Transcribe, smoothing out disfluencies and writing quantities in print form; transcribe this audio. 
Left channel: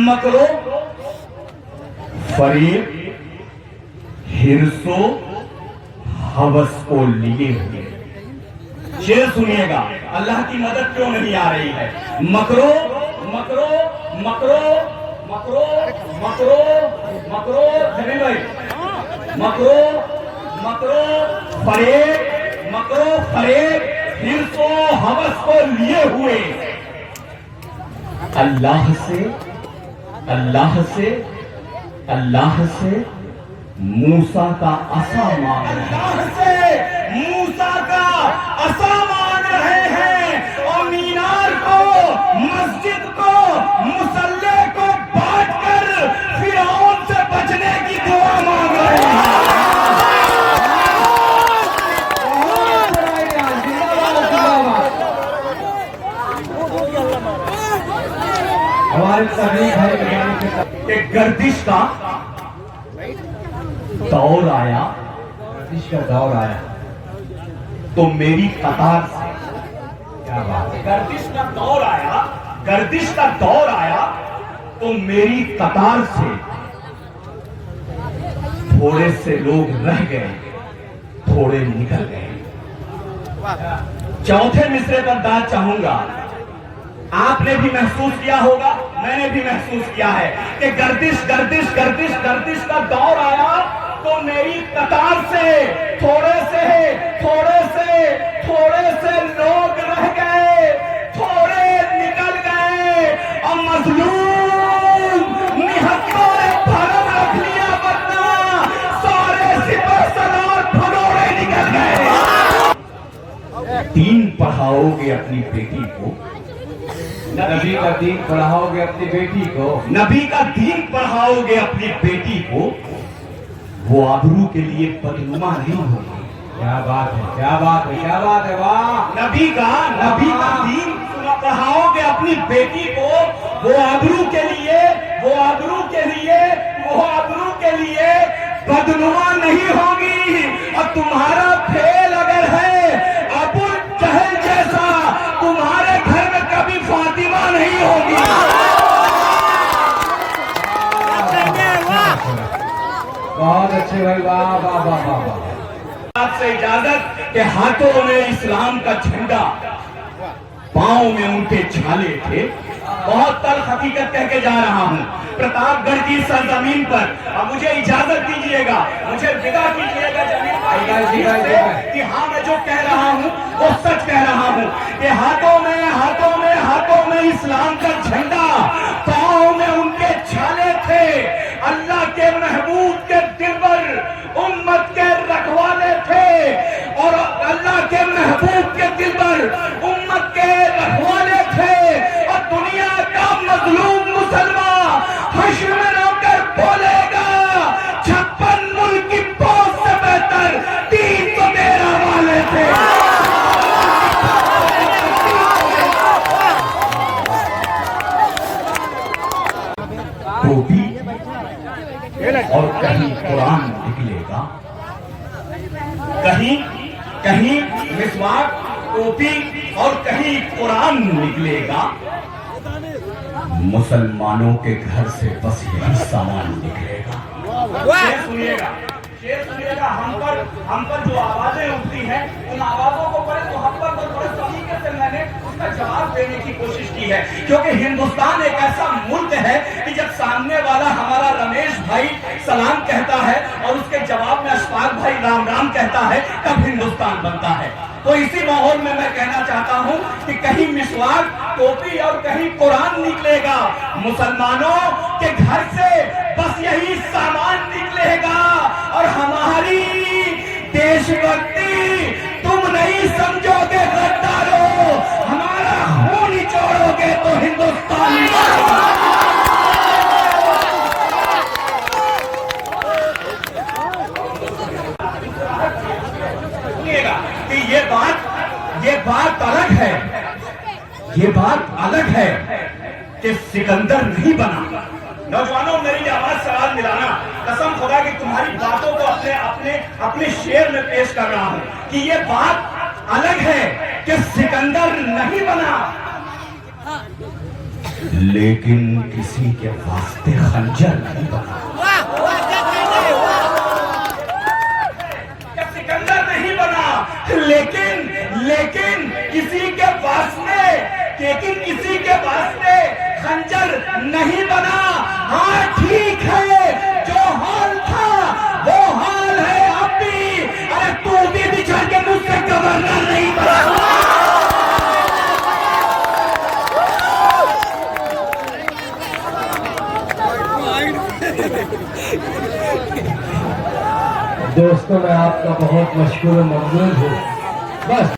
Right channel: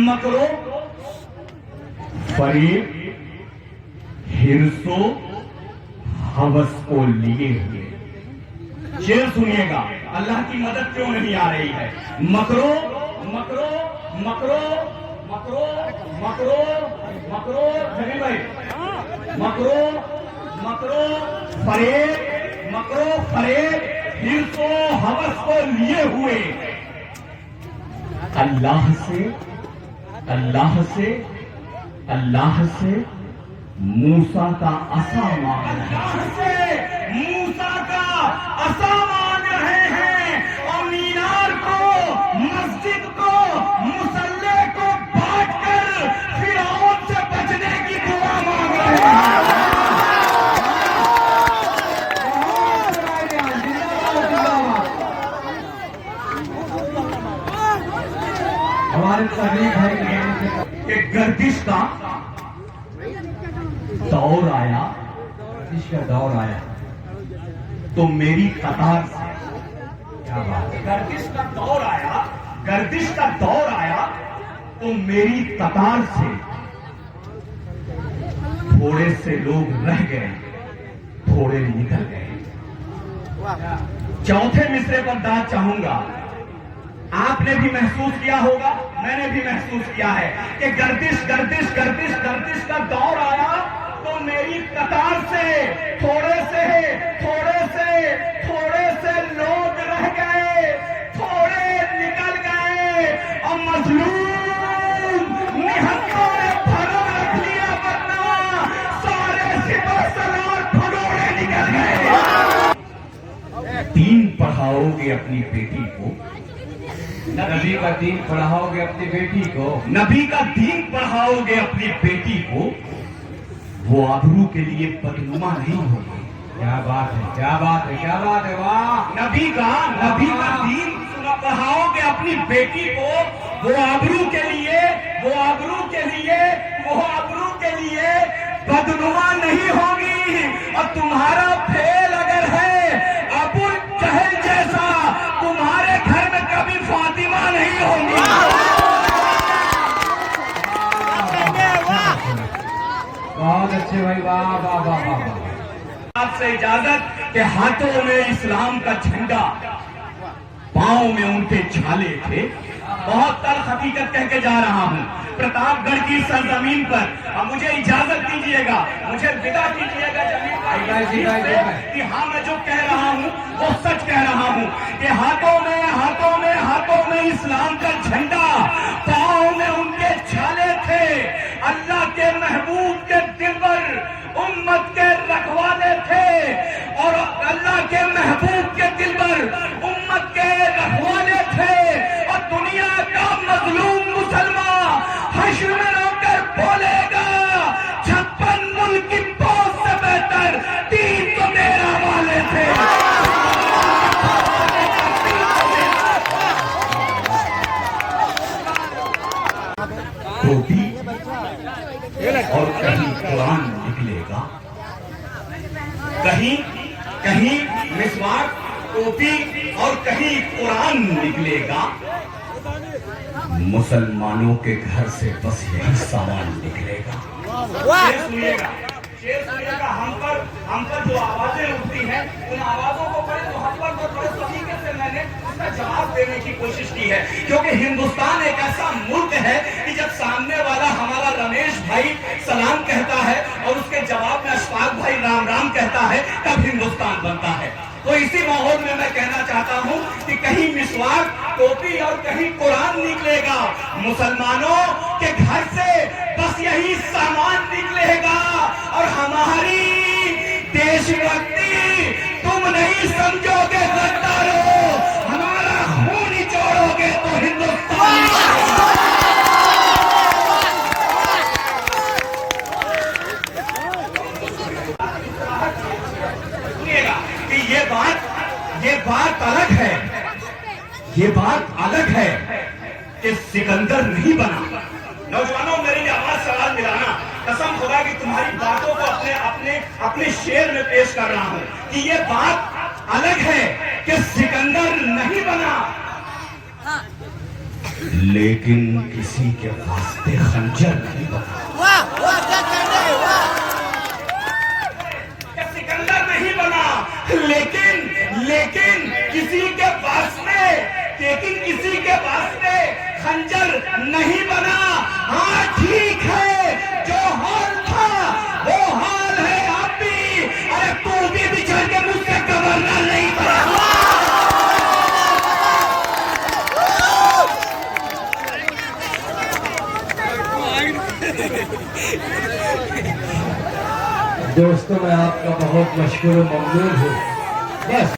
मकरो फरीब हिरसो हवस को लिए हुए। शेर सुनिएगा, अल्लाह की मदद क्यों नहीं आ रही है। मकरो मकरो मकरो मकरो मकरो मकरो जमीन भाई, मकरो मकरो फरेब, मकरो फरेब हिरसो हवस को लिए हुए। अल्लाह से अल्लाह से अल्लाह से मूसा का असा मांग रहे हैं, मूसा का असा मांग रहे हैं और मीनार को, मस्जिद को, मुसल्ले को बांट कर फिरौन से बचने की दुआ मांग रहे हैं। हमारे सभी भाई गर्दिश का दौर आया, गर्दिश का दौर आया तो मेरी कतार से, क्या बात है, गर्दिश का दौर आया, गर्दिश का दौर आया तो मेरी कतार से थोड़े से लोग रह गए, थोड़े निकल गए। चौथे मिसरे पर दाद चाहूंगा, आपने भी महसूस किया होगा, मैंने भी महसूस किया है कि गर्दिश गर्दिश गर्दिश गर्दिश का दौर आया तो मेरी कतार से थोड़े से लोग रह गए, थोड़े निकल गए और मजलूम निहत्तों ने भरम रख लिया, वरना सारे सिपह सलार भगोड़े निकल गए। दीन पढ़ाओगे अपनी बेटी को, नबी का दीन पढ़ाओगे अपनी बेटी को, नबी का दीन पढ़ाओगे अपनी बेटी को, वो आबरू के लिए बदनुमा नहीं होगी। क्या बात है, क्या बात है, क्या बात है, वाह। नबी का दीन पढ़ाओगे अपनी बेटी को, वो आबरू के लिए, वो आबरू के लिए, वो आबरू के लिए बदनुमा नहीं होगी। और तुम्हारा फेल अगर है अबू जहल जैसा, तुम्हारे घर में कभी फातिमा नहीं होगी। बहुत अच्छे भाई, वाह वाह वाह वाह। आपसे इजाजत के हाथों में इस्लाम का झंडा, पांव में उनके छाले थे। बहुत तल्ख हकीकत कह के जा रहा हूँ प्रतापगढ़ की सरजमीन पर। अब मुझे इजाजत दीजिएगा, मुझे विदा कीजिएगा कि हाँ मैं जो कह रहा हूँ वो सच कह रहा हूँ कि हाथों में इस्लाम का झंडा, पांव में उनके छाले थे। अल्लाह के महबूब के दिलबर, उम्मत के रखवाले थे और अल्लाह के महबूब के दिलबर, उम्मत के रखवाले थे। और दुनिया का मजलूम मुसलमान हश्र में रोकर बोलेगा, 56 मुल्क की फौज से बेहतर तीन तो मेरा वाले थे। टोपी और कहीं कुरान निकलेगा, कहीं मिसवाक, टोपी और कहीं कुरान निकलेगा। मुसलमानों के घर से बस यही सामान निकलेगा। शेर सुनिएगा, हम पर जो आवाजें उठती हैं उन आवाजों को पहले तो हम पर तो बड़े तरीके से मैंने उसका जवाब देने की कोशिश की है, क्योंकि हिंदुस्तान एक ऐसा मुल्क है कि जब सामने वाला हमारा रमेश भाई सलाम कहता है और उसके जवाब में अशफाक भाई राम राम कहता है, तब हिंदुस्तान बनता है। तो इसी माहौल में मैं कहना चाहता हूं कि कहीं मिसवाक, टोपी और कहीं कुरान निकलेगा। मुसलमानों के घर से बस यही सामान निकलेगा और हमारी देशभक्ति तुम नहीं समझोगे गद्दारों, हमारा खून निचोड़ोगे तो हिंदुस्तान। ये बात अलग है, ये बात अलग है कि सिकंदर नहीं बना। नौजवानों, मेरी आवाज सवाल मिलाना, कसम खुदा की तुम्हारी बातों को अपने शेर में पेश कर रहा हूं कि ये बात अलग है कि सिकंदर नहीं बना। लेकिन किसी के वास्ते खंजर नहीं बना। सिकंदर नहीं बना, लेकिन किसी के वास्ते खंजर नहीं बना। हाँ ठीक है, जो हाल था वो हाल है अब भी। अरे तू भी बिछड़ के मुझसे गवर्नर नहीं बना। दोस्तों, मैं आपका बहुत मशहूर ममनून हूँ। बस